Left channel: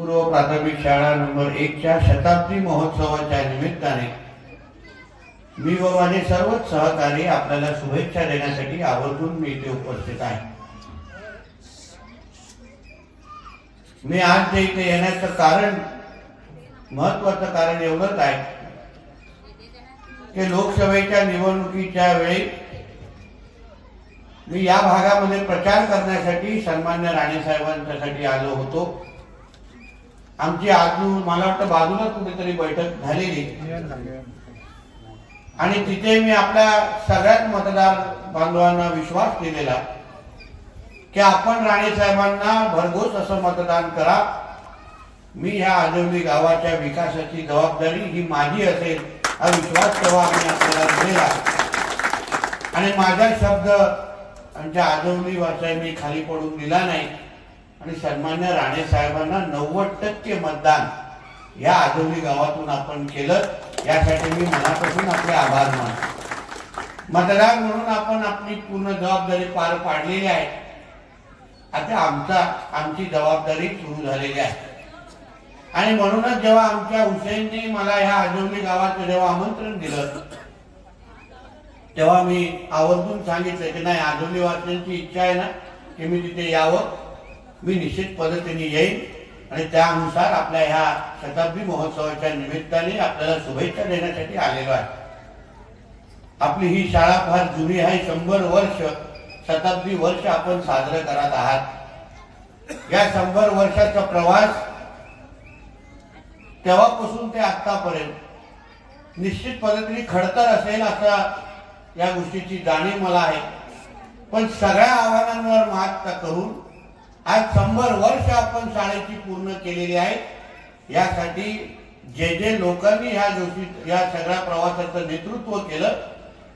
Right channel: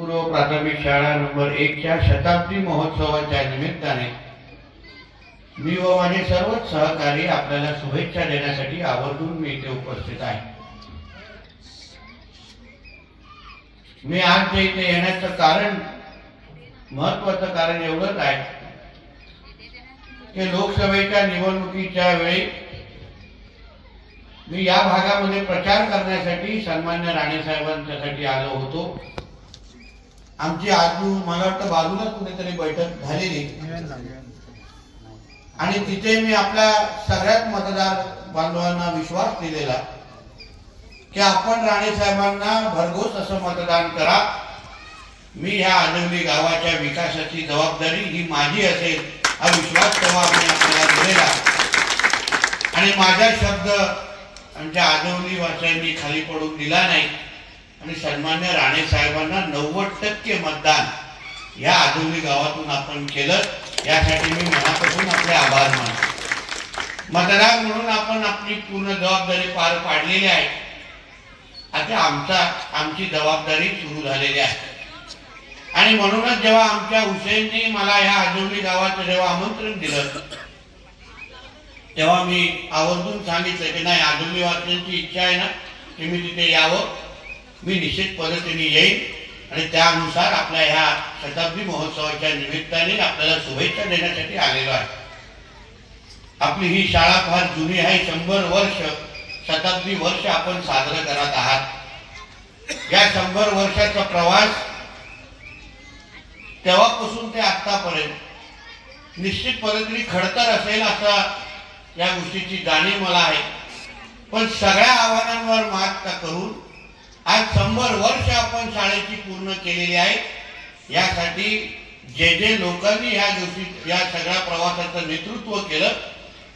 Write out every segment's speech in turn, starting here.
पूर्व प्राथमिक शाळा नंबर 1 च्या शताब्दी महोत्सवाच्या निमित्ताने मी व माझे सर्वच सहकारी आपल्याला शुभेच्छा देण्यासाठी आवर्जून मी इथे उपस्थित आहे। मी आज इथे येण्याचं कारण, महत्त्वाचं कारण एवढंच आहे की लोकसभेच्या निवडणुकीच्या वेळी मी या भागामध्ये प्रचार करण्यासाठी सन्मान्य राणे साहेबांच्यासाठी आलो होतो। आमची मला वाटतं बाजूला कुठेतरी बैठक झालेली आणि तिथे मी आपल्या सगळ्यात मतदार बांधवांना विश्वास दिलेला की आपण राणे साहेबांना भरघोस असं मतदान करा। मी ह्या आजवली गावाच्या विकासाची जबाबदारी ही माझी असेल हा विश्वास तेव्हा मी आपल्याला दिलेला आणि माझा शब्द आमच्या आजवली वासियांनी खाली पडून दिला नाही आणि सन्मान्य राणे साहेबांना 90% मतदान या आजवली गावातून आपण केलं। यासाठी मी मनापासून आपले आभार मानतो। मतदार म्हणून आपण आपली पूर्ण जबाबदारी पार पाडलेली आहे। आता आमची जबाबदारी सुरू झालेली आहे आणि म्हणूनच जेव्हा आमच्या हुसेननी मला या आजवली गावाचं जेव्हा आमंत्रण दिलं तेव्हा मी आवर्जून सांगितलं की नाही, आजवली वासियांची इच्छा आहे ना की मी तिथे यावं, मी निश्चित पद्धतीने येईन आणि त्यानुसार आपल्या ह्या शताब्दी महोत्सवाच्या निमित्ताने आपल्याला शुभेच्छा देण्यासाठी आलेलो आहे। आपली ही शाळा फार जुनी आहे, 100 वर्ष, शताब्दी वर्ष आपण साजरं करत आहात। या 100 वर्षाचा प्रवास तेव्हापासून ते आतापर्यंत निश्चित पद्धतीने खडतर असेल असा या गोष्टीची जाणीव मला आहे, पण सगळ्या आव्हानांवर मात करून आज 100 वर्ष आपण शाळेची पूर्ण केलेली आहे। यासाठी जे लोकांनी या सगळ्या प्रवासाचं नेतृत्व केलं,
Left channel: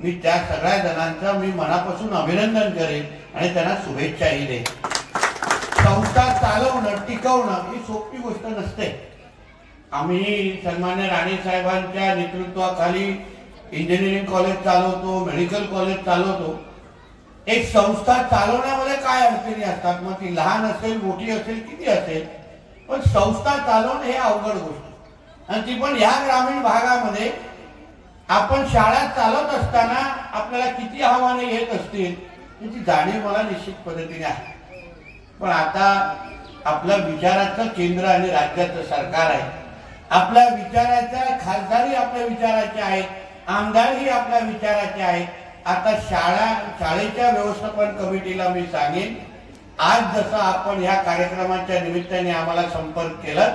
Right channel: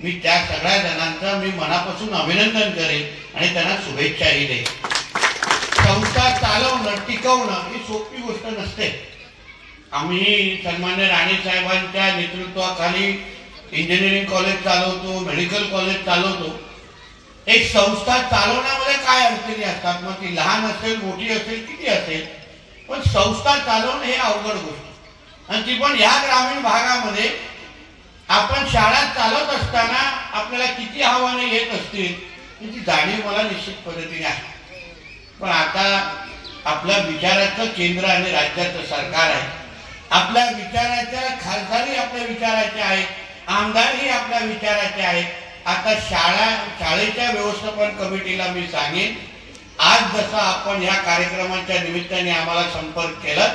मी त्या सगळ्या जणांचं मी मनापासून अभिनंदन करेन आणि त्यांना शुभेच्छाही देईन। संस्था चालवणं, टिकवणं ही सोपी गोष्ट नसते। आम्ही सन्मान्य राणे साहेबांच्या नेतृत्वाखाली इंजिनिअरिंग कॉलेज चालवतो, मेडिकल कॉलेज चालवतो। एक संस्था चालवण्यामध्ये काय अडचणी असतात, मग ती लहान असेल, मोठी असेल, किती असेल, पण संस्था चालवणं हे अवघड गोष्ट आणि ती पण ह्या ग्रामीण भागामध्ये आपण शाळा चालवत असताना आपल्याला किती आव्हाने येत असतील याची जाणीव मला निश्चित पद्धतीने आहे। पण आता आपलं विचाराचं केंद्र आणि राज्याचं सरकार आहे, आपल्या विचाराच्या खासदारही आपल्या विचाराचे आहेत, आमदारही आपल्या विचाराचे आहेत। आता शाळेच्या व्यवस्थापन कमिटीला मी सांगेन, आज जसं आपण ह्या कार्यक्रमाच्या निमित्ताने आम्हाला संपर्क केला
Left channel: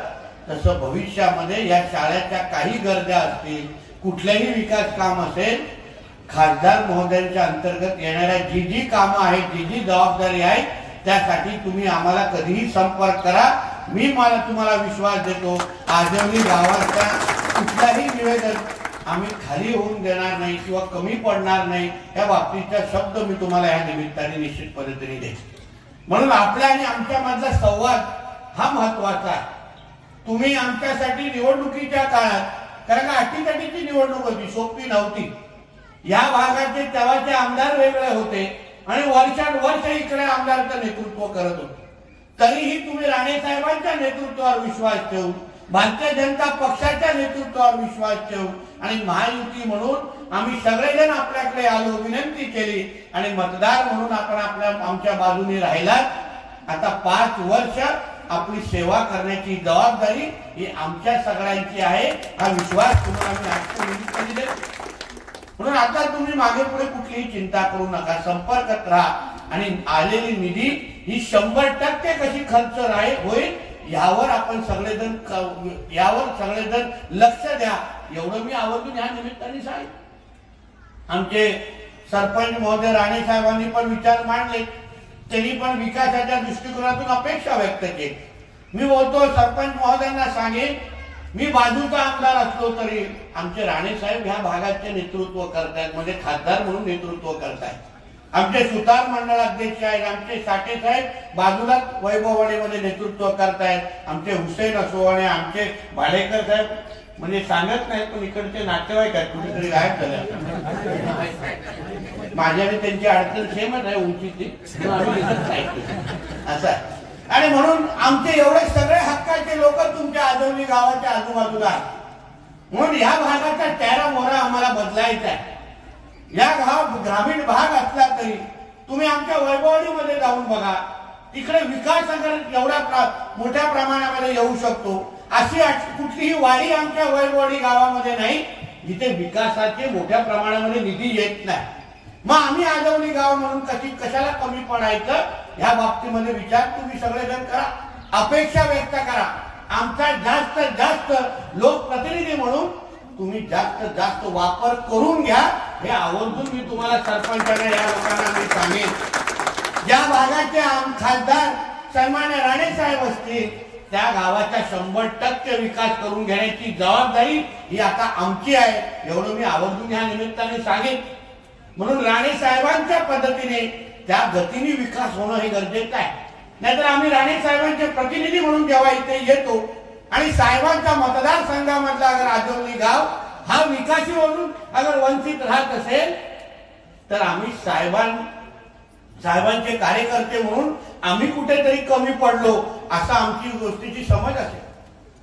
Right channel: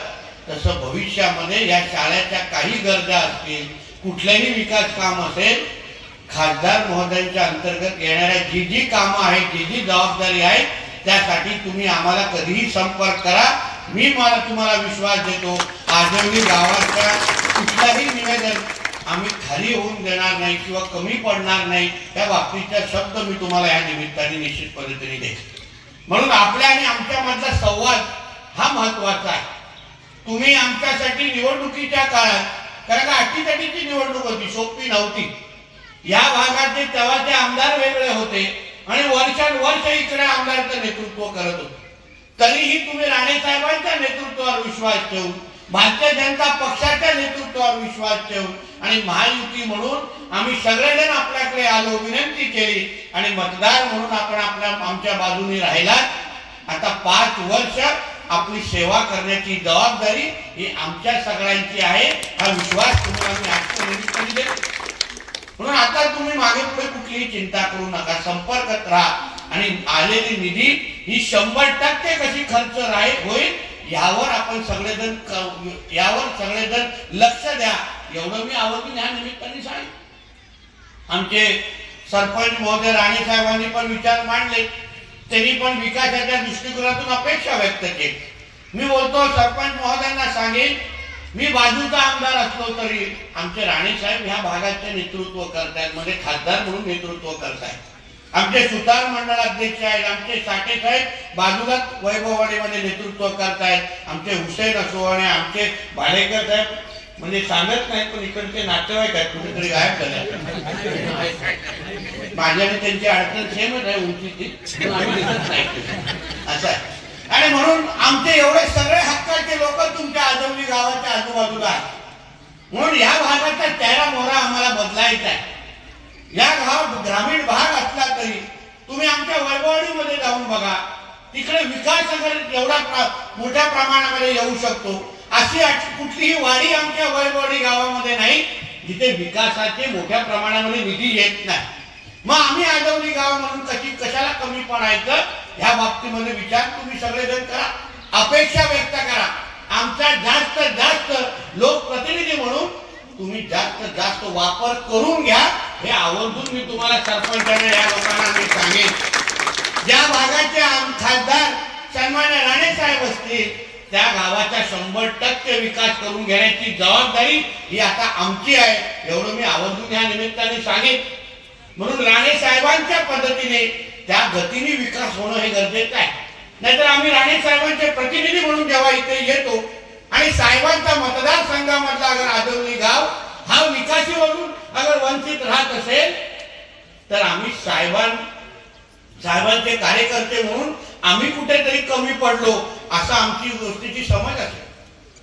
तसं भविष्यामध्ये या शाळेच्या काही गरजा असतील, कुठलेही विकास काम असेल, खासदार महोदयांच्या अंतर्गत येणाऱ्या जी कामं आहेत, जी जबाबदारी आहे त्यासाठी तुम्ही आम्हाला कधीही संपर्क करा। तुम्हाला विश्वास देतो, आजवली गावाच्या कुठलाही निवेदन आम्ही खाली होऊन देणार नाही किंवा कमी पडणार नाही, या बाबतीचा शब्द मी तुम्हाला या निमित्ताने निश्चित पद्धतीने देईन। म्हणून आपल्या आणि आमच्या मधला संवाद हा महत्वाचा आहे। तुम्ही आमच्यासाठी निवडणुकीच्या काळात, कारण अटीतटीची निवडणूक होती, सोपी नव्हती, या भागाचे तेव्हाचे आमदार वेगळे होते आणि वर्षानुवर्ष इकडे आमदाराचं नेतृत्व करत होते, तरीही तुम्ही राणे साहेबांच्या नेतृत्वावर विश्वास ठेवून, भारतीय जनता पक्षाच्या नेतृत्वावर विश्वास ठेवून आणि महायुती म्हणून आम्ही सगळेजण आपल्याकडे आलो, विनंती केली आणि मतदार म्हणून आपण आमच्या बाजूने राहिलात। आता 5 वर्ष आपली सेवा करण्याची जबाबदारी ही आमच्या सगळ्यांची आहे, हा विश्वास तुम्हाला मी आजच्या देतो। म्हणून आता तुम्ही मागे पुढे कुठलीही चिंता करू नका, संपर्कात राहा आणि आलेली निधी ही 100% कशी खर्च होईल यावर आपण सगळेजण लक्ष द्या, एवढं मी आवर्जून या निमित्ताने सांगेन। आमचे सरपंच महोदय राणे साहेबांनी पण विचार मांडले, त्यांनी पण विकासाच्या दृष्टिकोनातून अपेक्षा व्यक्त केली। मी बोलतो सरपंच महोदयांना सांगेन, मी बाजूचा आमदार असलो तरी आमचे राणे साहेब ह्या भागाचे नेतृत्व करतायत, म्हणजे खासदार म्हणून नेतृत्व करतायत। आमचे सुतार मंडळ अध्यक्ष आहेत, आमचे साठे साहेब बाजूला वैभववाडीमध्ये नेतृत्व करतायत, आमचे हुसेन असोवाणे, आमचे भाडेकर साहेब म्हणजे सांगत नाहीत पण इकडचे नातेवाईक आहेत, कुठेतरी गायब झाले। माझ्या आणि त्यांची अडचण सेमच आहे, उंचीची, असं आहे। आणि म्हणून आमचे एवढे सगळे हक्काचे लोक आजवली गावाच्या आजूबाजूला आहे. म्हणून या भागाचा चेहरा मोहरा आम्हाला बदलायचा आहे. या ग्रामीण भाग असला तरी तुम्ही आमच्या वैभववाडीमध्ये जाऊन बघा, तिकडे विकास अगर एवढा मोठ्या प्रमाणामध्ये येऊ शकतो अशी कुठलीही वाडी आमच्या वैभववाडी गावामध्ये नाही जिथे विकासाचे मोठ्या प्रमाणामध्ये निधी येत नाही. मग आम्ही आजवली गाव म्हणून कशाला कमी पडायचं ह्या बाबतीमध्ये विचार तुम्ही सगळेजण करा, अपेक्षा व्यक्त करा. आमचा जास्त जास्त लोकप्रतिनिधी म्हणून तुम्ही जास्त जास्त वापर करून घ्या हे आवर्जून मी तुम्हाला सरपंचांना या लोकांना मी सांगेन. ज्या भागाचे खासदार सन्मान्य राणे साहेब असतील त्या गावाचा 100% विकास करून घेण्याची जबाबदारी ही आता आमची आहे एवढं मी आवर्जून या निमित्ताने सांगेन. म्हणून राणे साहेबांच्या पद्धतीने त्या गतीने विकास होणं हे गरजेचं आहे. नाहीतर आम्ही राणे साहेबांचे प्रतिनिधी म्हणून जेव्हा इथे येतो आणि साहेबांचा मतदारसंघामधला अगर आजवली गाव हा विकासीवरून अगर वंचित राहत असेल तर आम्ही साहेबांचे कार्यकर्ते म्हणून आम्ही कुठेतरी कमी पडलो असा आमची गोष्टीची समज असेल.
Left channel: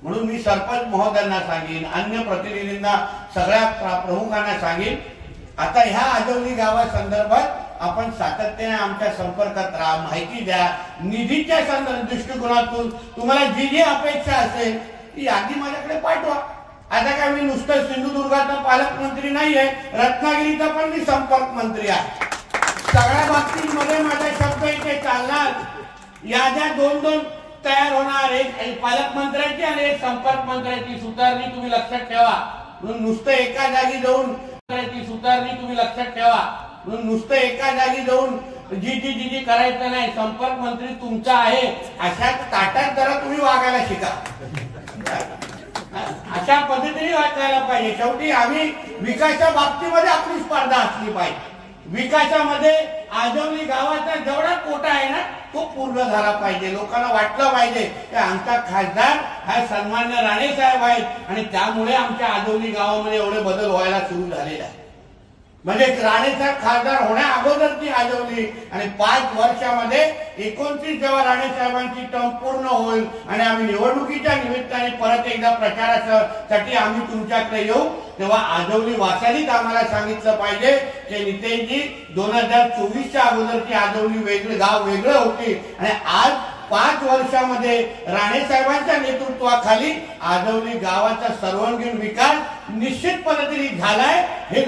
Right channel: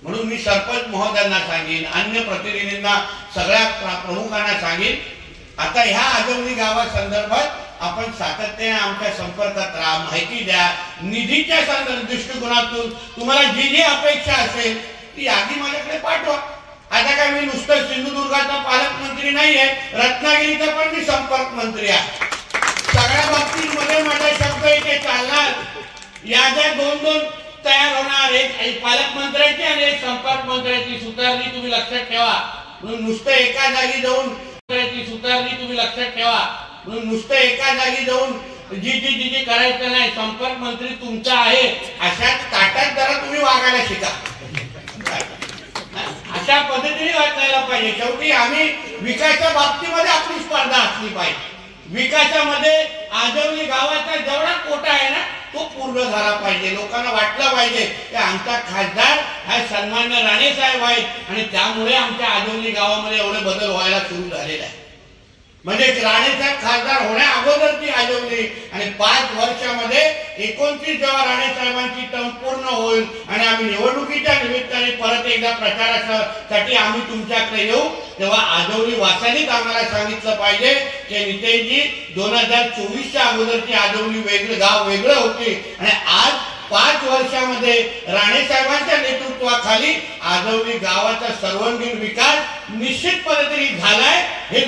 म्हणून मी सरपंच महोदयांना सांगेन, अन्य प्रतिनिधींना सगळ्या प्रमुखांना सांगेन, आता ह्या आजवली गावासंदर्भात आपण सातत्याने आमच्या संपर्कात राहा, माहिती द्या. निधीच्या दृष्टिकोनातून तुम्हाला जी जी अपेक्षा असेल ती यादी माझ्याकडे पाठवा. आता काय मी नुसतं सिंधुदुर्गाचा पालकमंत्री नाही आहे, रत्नागिरीचा पण मी संपर्क मंत्री आहे. सगळ्या बाबतीमध्ये माझा शब्द इथे चालणार. याद्या 2-2 तयार होणार, एक पालकमंत्र्याची आणि एक संपर्क मंत्र्याची सुधारणी तुम्ही लक्षात ठेवा. म्हणून नुसतं एका जागी जाऊन सुधारणी तुम्ही लक्षात ठेवा. म्हणून नुसतं एका जागी जाऊन जी करायचं नाही. संपर्क मंत्री तुमचा आहे अशाच ताटात जरा तुम्ही वागायला शिका, अशा पद्धतीने वागायला पाहिजे. शेवटी आम्ही विकासाच्या बाबतीमध्ये आपली स्पर्धा असली पाहिजे. विकासामध्ये आजवली गावाचा जेवढा कोटा आहे ना तो पूर्ण झाला पाहिजे. लोकांना वाटलं पाहिजे की आमचा खासदार हा सन्मान्य राणे साहेब आहेत आणि त्यामुळे आमच्या आजवली गावामध्ये एवढे बदल व्हायला सुरू झालेला आहे. म्हणजे राणे साहेब खासदार होण्या अगोदर ती आजवली आणि 5 वर्षामध्ये 29 जेव्हा राणे साहेबांची टर्म पूर्ण होईल आणि आम्ही निवडणुकीच्या निमित्ताने परत एकदा प्रचारासाठी आम्ही तुमच्याकडे येऊ तेव्हा आजवली वासानीच आम्हाला सांगितलं पाहिजे की नितेशजी 2024च्या अगोदरची आजवली गाव वेगळं होते आणि आज 5 वर्षामध्ये राणे साहेबांच्या नेतृत्वाखाली आजवली गावाचा सर्वांगीण विकास निश्चित पद्धतीने झालाय हे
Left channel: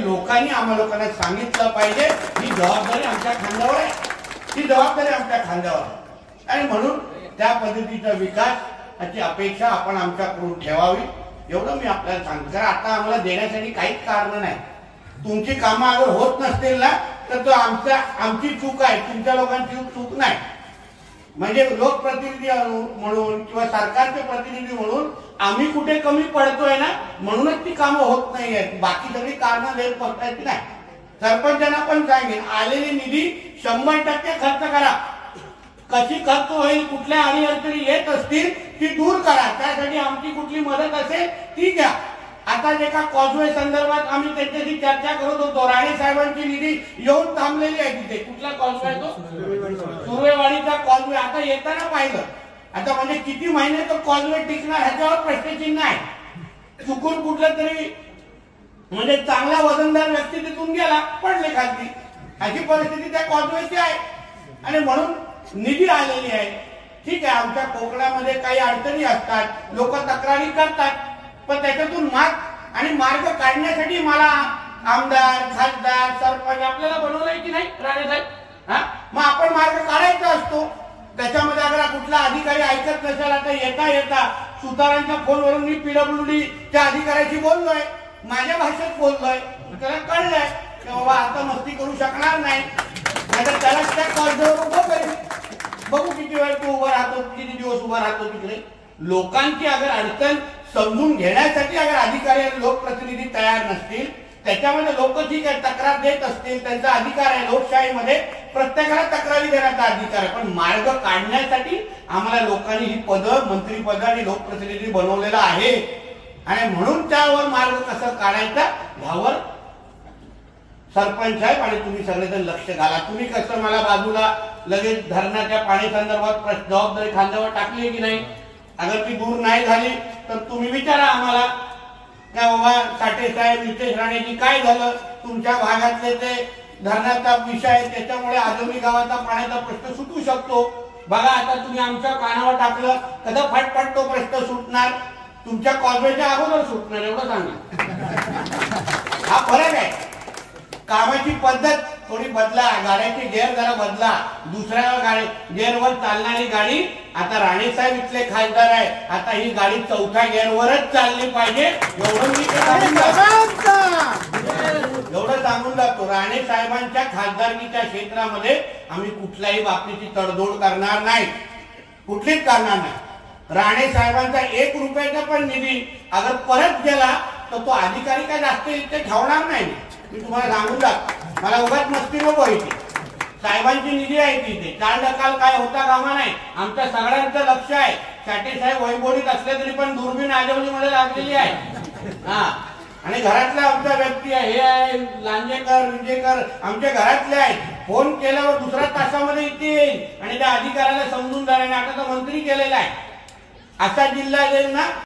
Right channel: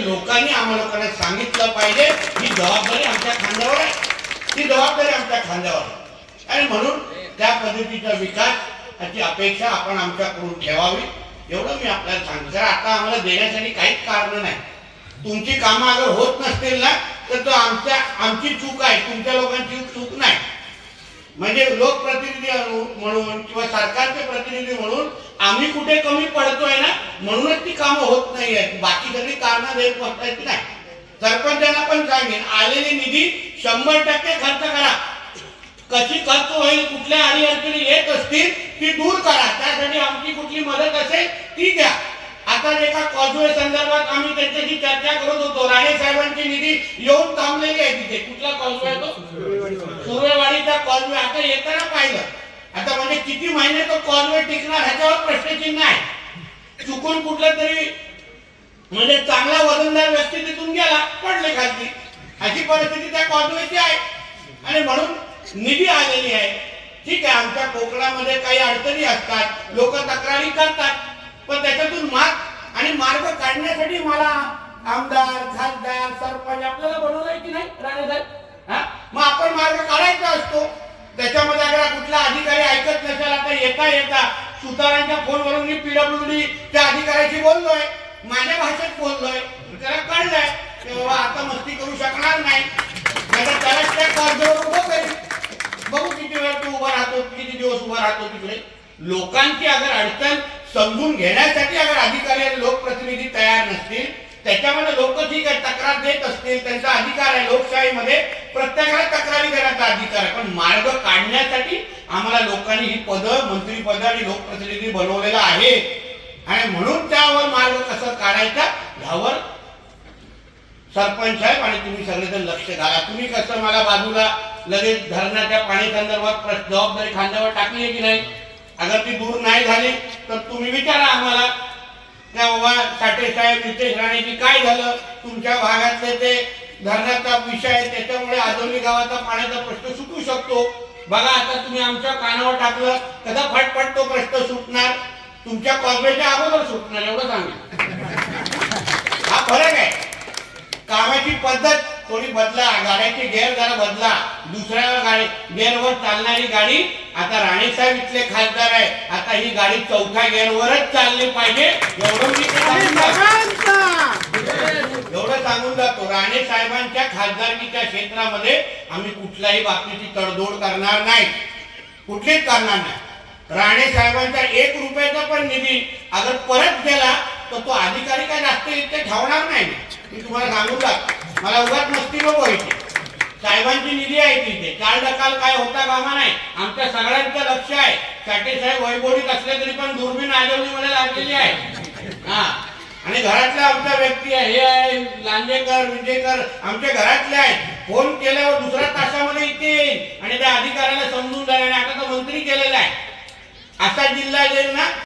आम्हा लोकांना सांगितलं पाहिजे. ही जबाबदारी आमच्या खांद्यावर आहे, ती जबाबदारी आमच्या खांद्यावर आहे. आणि म्हणून त्या पद्धतीचा विकासाची अपेक्षा आपण आमच्याकडून ठेवावी एवढं मी आपल्याला सांगतो. कारण आता आम्हाला देण्यासाठी काहीच कारण नाही. तुमची कामं अगर होत नसतील ना तर तो आमची चूक आहे, तुमच्या लोकांची चूक नाही. म्हणजे लोकप्रतिनिधी म्हणून किंवा सरकारचे प्रतिनिधी म्हणून आम्ही कुठे कमी पडतोय ना म्हणूनच ती कामं होत नाही आहेत. बाकी सगळी कारणं देत बसतायची नाही. सरपंचांना पण सांगेन, आलेली निधी 100% खर्च करा. कशी खर्च होईल, कुठल्या अडीअडचणी येत असतील ती दूर करा. त्यासाठी आमची कुठली मदत असेल ती द्या. आता एका कॉजवे संदर्भात आम्ही त्यांच्याशी चर्चा करत होतो. राणे साहेबांची निधी येऊन थांबलेली आहे तिथे. कुठला कॉजवे आहे तो? सुर्वेवाडीचा कॉजवे. आता येताना पाहिलं, आता म्हणजे किती महिने तो कॉजवे टिकणार ह्याच्यावर प्रश्नचिन्ह आहे. चुकून कुठलं तरी म्हणजे चांगला वजनदार व्यक्ती तिथून गेला, पडले खाली, अशी परिस्थिती त्या कॉजवेची आहे. आणि म्हणून निधी आलेली आहे. ठीक आहे, आमच्या कोकणामध्ये काही अडचणी असतात, लोक तक्रारी करतात, पण त्याच्यातून मार्ग काढण्यासाठी मला आमदार, खासदार, सरपंच आपल्याला बनवलंय की नाही राणे साहेब? मग आपण मार्ग काढायचा असतो. त्याच्यामध्ये अगर कुठला अधिकारी ऐकत नसेल, आता येता सुतारांच्या फोनवरून मी PWDच्या अधिकाऱ्याशी बोललोय, माझ्या भाषेत बोललोय, त्याला कळलंय की बाबा आता मस्ती करू शकणार नाही, नाहीतर त्याला त्या कॉर्जवर बघू किती वेळ तू उभा राहतो, किती दिवस उभा राहतो तिकडे. लोकांची अगर अडचण समजून घेण्यासाठी अगर अधिकारी आणि लोकप्रतिनिधी तयार नसतील, त्याच्यामध्ये लोक ठीक आहे तक्रार देत असतील, त्यांचा अधिकार आहे. लोकशाहीमध्ये प्रत्येकाला तक्रारी देण्याचा अधिकार आहे. पण मार्ग काढण्यासाठी आम्हाला लोकांनी ही पदं, मंत्रीपद आणि लोकप्रतिनिधी बनवलेलं आहे. आणि म्हणून त्यावर मार्ग कसं काढायचा यावर सरपंच साहेब आणि तुम्ही सगळेजण लक्ष घाला. तुम्ही कसं मला बाजूला लगेच धरणाच्या पाणी संदर्भात जबाबदारी खांद्यावर टाकली की नाही? अगर ती दूर नाही झाली तर तुम्ही विचारा आम्हाला का बाबा साठे साहेब नितेश राणेजी काय झालं, तुमच्या भागातले ते धरणाचा विषय आहे त्याच्यामुळे आजोली गावाचा पाण्याचा प्रश्न सुटू शकतो. बघा आता तुम्ही आमच्या कानावर टाकलं कसा फटफट तो प्रश्न सुटणार, तुमच्या कॉर्पोरेटच्या अगोदर सुटणार एवढं सांगितलं. हा फरक आहे. कामाची पद्धत थोडी बदला, गाड्याची गेअर जरा बदला, दुसऱ्या गाडी गेअरवर चालणारी गाडी. आता राणेसाहेब इथले खासदार आहे, आता ही गाडी चौथ्या गेअरवरच चालली पाहिजे एवढं मी एवढं सांगून जातो. राणे साहेबांच्या खासदारकीच्या क्षेत्रामध्ये आम्ही कुठल्याही बाबतीची तडजोड करणार नाही, कुठलीच करणार नाही. राणे साहेबांचा 1 रुपयाचा पण निधी अगर परत गेला तर तो अधिकारी काय जास्त इथे ठेवणार नाही. मी तुम्हाला सांगून जातो, मला उगाच मस्ती नको व्हायची. साहेबांची निधी आहे तिथे, चाल ढकाल काय होता कामा नाही. आमच्या सगळ्यांचं लक्ष आहे. साठे साहेब वैभवडीत असले तरी पण दुर्बीण आजवलीमध्ये लागलेली आहे. हा, आणि घरातल्या आमच्या व्यक्ती आहे, हे आहे लांजेकर विजेकर आमच्या घरातले आहेत. फोन केल्यावर दुसऱ्या तासामध्ये इथे येईल आणि त्या अधिकाऱ्याला समजून जाईल. आणि आता तर मंत्री केलेला आहे. असा जिल्हा येईल ना